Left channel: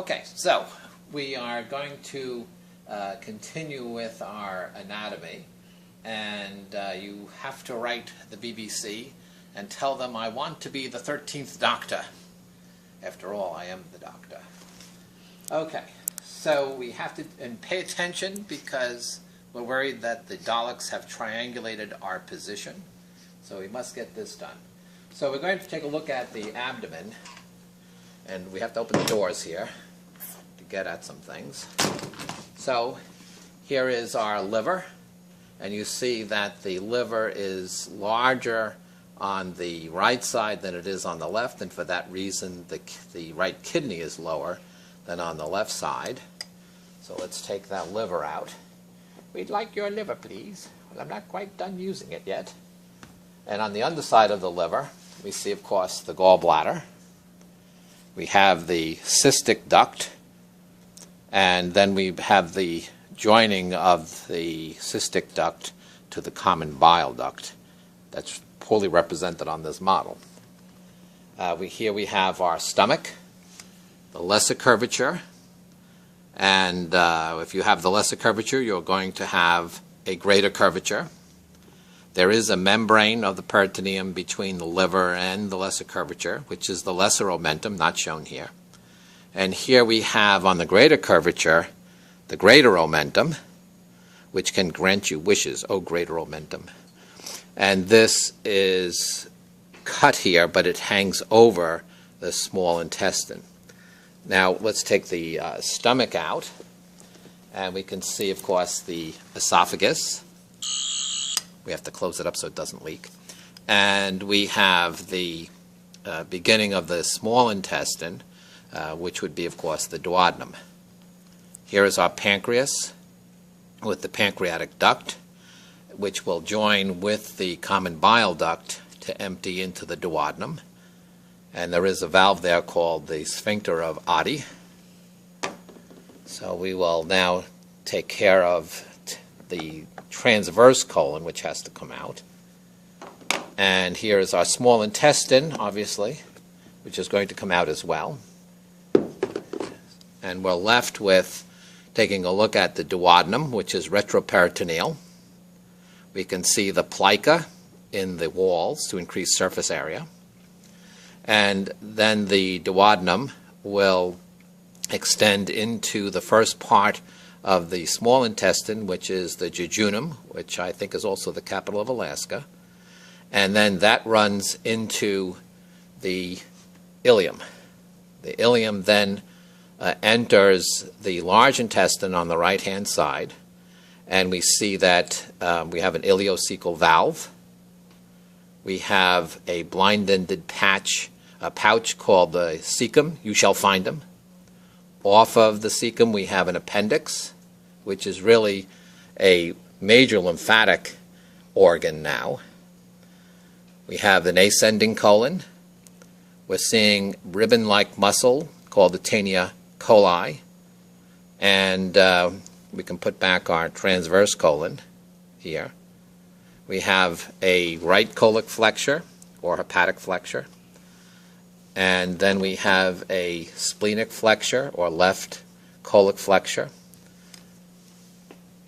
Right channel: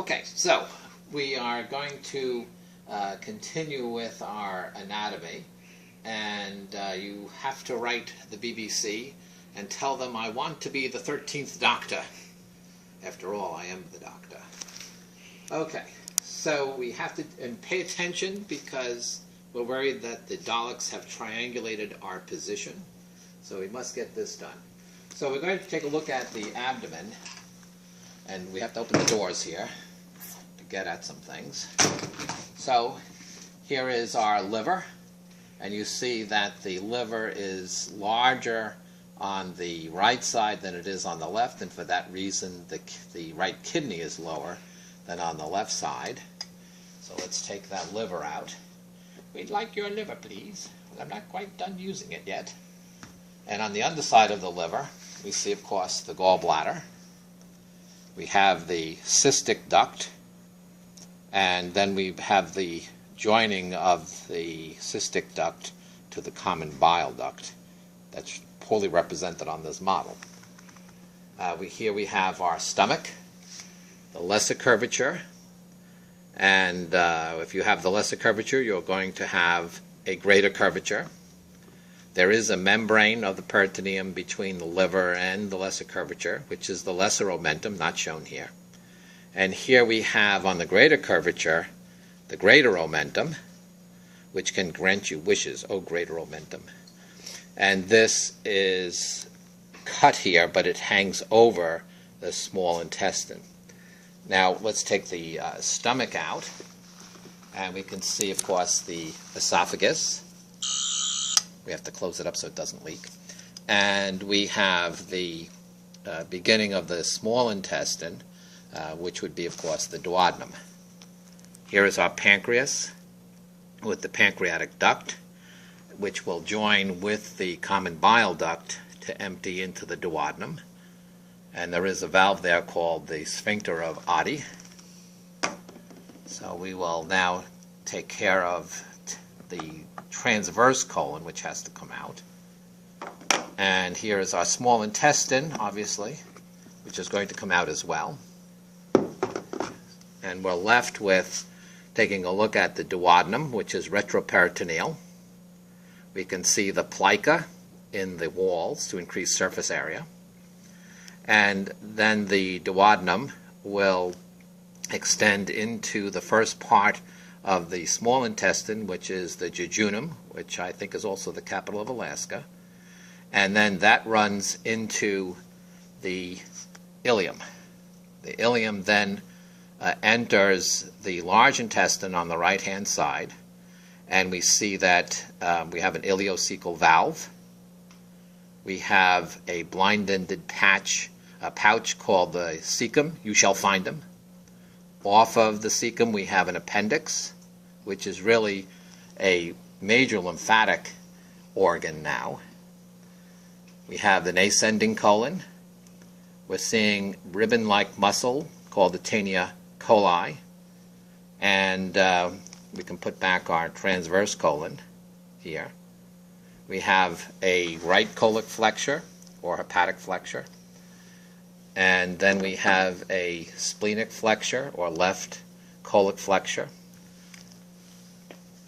Okay, so we are going to continue with our anatomy, and you have to write the BBC and tell them I want to be the 13th doctor. After all, I am the doctor. Okay, so we have to pay attention because we're worried that the Daleks have triangulated our position. So we must get this done. So we're going to take a look at the abdomen, and we have to open the doors here to get at some things. So here is our liver, and you see that the liver is larger on the right side than it is on the left, and for that reason the right kidney is lower than on the left side. So let's take that liver out. We'd like your liver, please. Well, I'm not quite done using it yet. And on the underside of the liver, we see, of course, the gallbladder. We have the cystic duct, and then we have the joining of the cystic duct to the common bile duct. That's poorly represented on this model. Here we have our stomach, the lesser curvature, and if you have the lesser curvature, you're going to have a greater curvature. There is a membrane of the peritoneum between the liver and the lesser curvature, which is the lesser omentum, not shown here. And here we have on the greater curvature, the greater omentum, which can grant you wishes, oh greater omentum. And this is cut here, but it hangs over the small intestine. Now let's take the stomach out, and we can see, of course, the esophagus. We have to close it up so it doesn't leak. And we have the beginning of the small intestine, which would be, of course, the duodenum. Here is our pancreas with the pancreatic duct, which will join with the common bile duct to empty into the duodenum. And there is a valve there called the sphincter of Oddi. So we will now take care of the transverse colon, which has to come out. And here is our small intestine, obviously, which is going to come out as well. And we're left with taking a look at the duodenum, which is retroperitoneal. We can see the plica in the walls to increase surface area. And then the duodenum will extend into the first part of the small intestine, which is the jejunum, which I think is also the capital of Alaska. And then that runs into the ileum. The ileum then enters the large intestine on the right-hand side, and we see that we have an ileocecal valve. We have a blind-ended pouch called the cecum. You shall find them. Off of the cecum, we have an appendix, which is really a major lymphatic organ now. We have an ascending colon. We're seeing ribbon-like muscle called the taenia coli. And we can put back our transverse colon here. We have a right colic flexure or hepatic flexure. And then we have a splenic flexure or left colic flexure,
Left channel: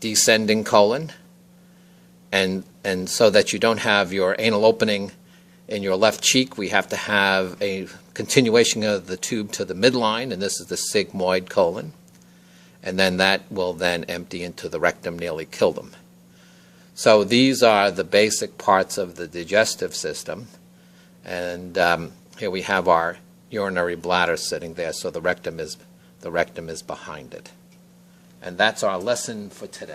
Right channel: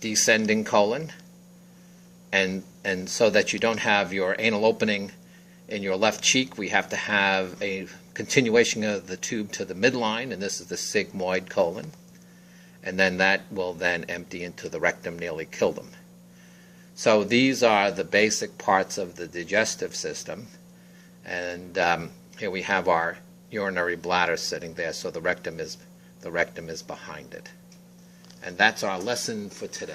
descending colon, and so that you don't have your anal opening in your left cheek, we have to have a continuation of the tube to the midline, and this is the sigmoid colon, and then that will then empty into the rectum, nearly kill them. So these are the basic parts of the digestive system, and here we have our urinary bladder sitting there, so the rectum is behind it. And that's our lesson for today.